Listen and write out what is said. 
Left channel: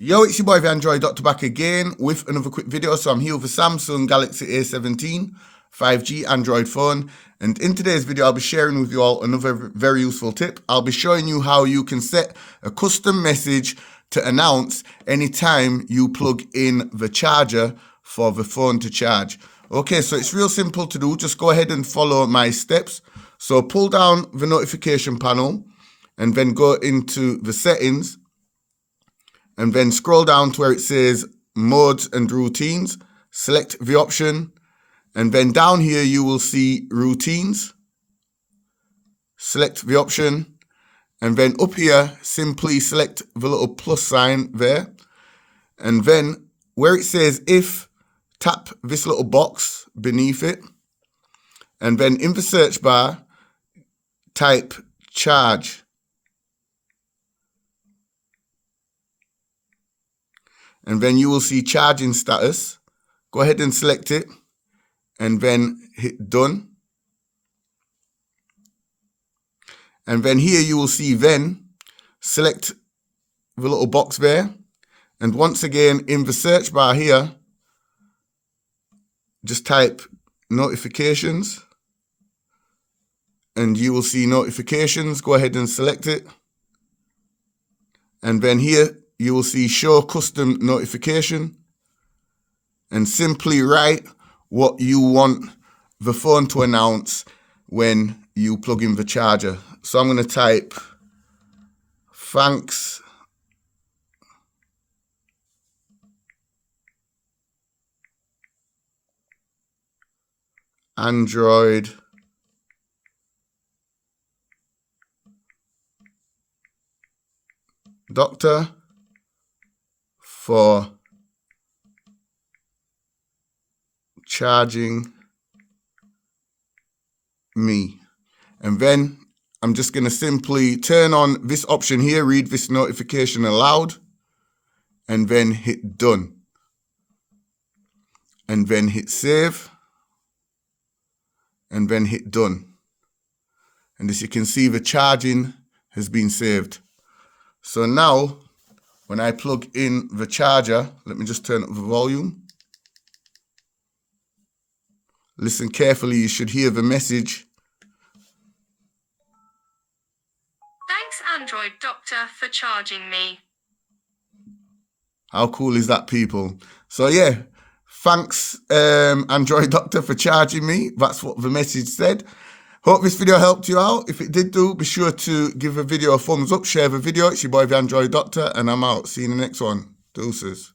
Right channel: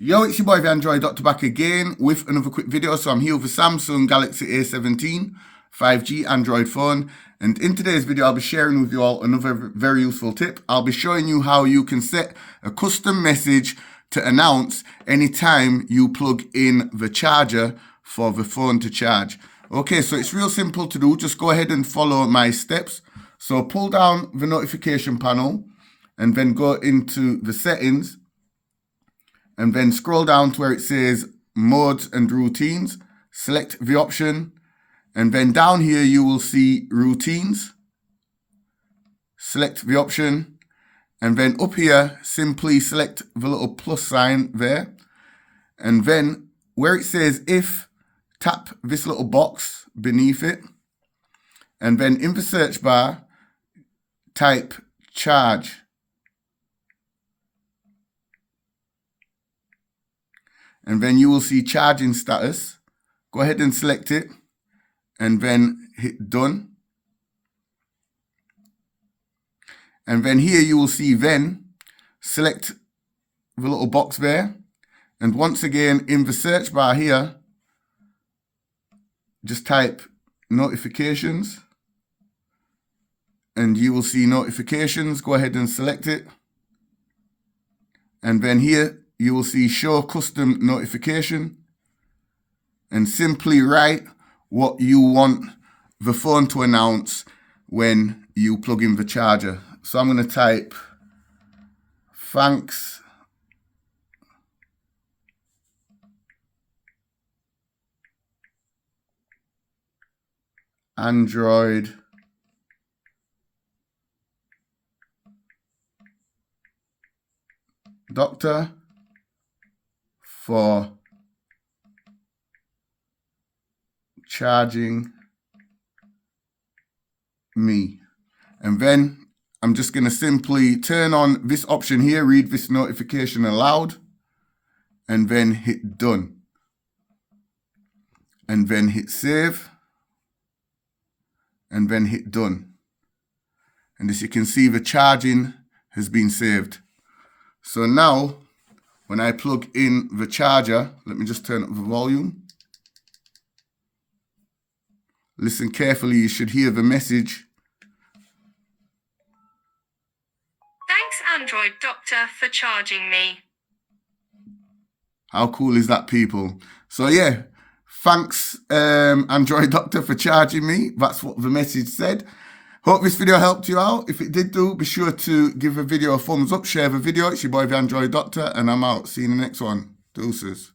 Yo, it's your boy the Android Doctor back again with another quick video. So I'm here with the Samsung Galaxy A17 5G Android phone, and in today's video I'll be sharing with you all another very useful tip. I'll be showing you how you can set a custom message to announce anytime you plug in the charger for the phone to charge. Okay, so it's real simple to do. Just go ahead and follow my steps. So pull down the notification panel and then go into the settings. And then scroll down to where it says modes and routines, select the option, and then down here you will see routines. Select the option, and then up here simply select the little plus sign there, and then where it says if, tap this little box beneath it, and then in the search bar type charge. And then you will see charging status. Go ahead and select it and then hit done. And then here you will see then select the little box there. And once again in the search bar here, just type notifications and you will see notifications. Go ahead and select it. And then here you will see show custom notification and simply write what you want the phone to announce when you plug in the charger. So I'm going to type thanks Android Doctor for charging me. And then I'm just going to simply turn on this option here, read this notification aloud, and then hit done. And then hit save, and then hit done. And as you can see, the charging has been saved. So now, when I plug in the charger, let me just turn up the volume. Listen carefully, you should hear the message. Thanks, Android Doctor, for charging me. How cool is that, people? So yeah, thanks Android Doctor for charging me. That's what the message said. Hope this video helped you out. If it did be sure to give the video a thumbs up, share the video. It's your boy the Android Doctor, and I'm out. See you in the next one. Deuces.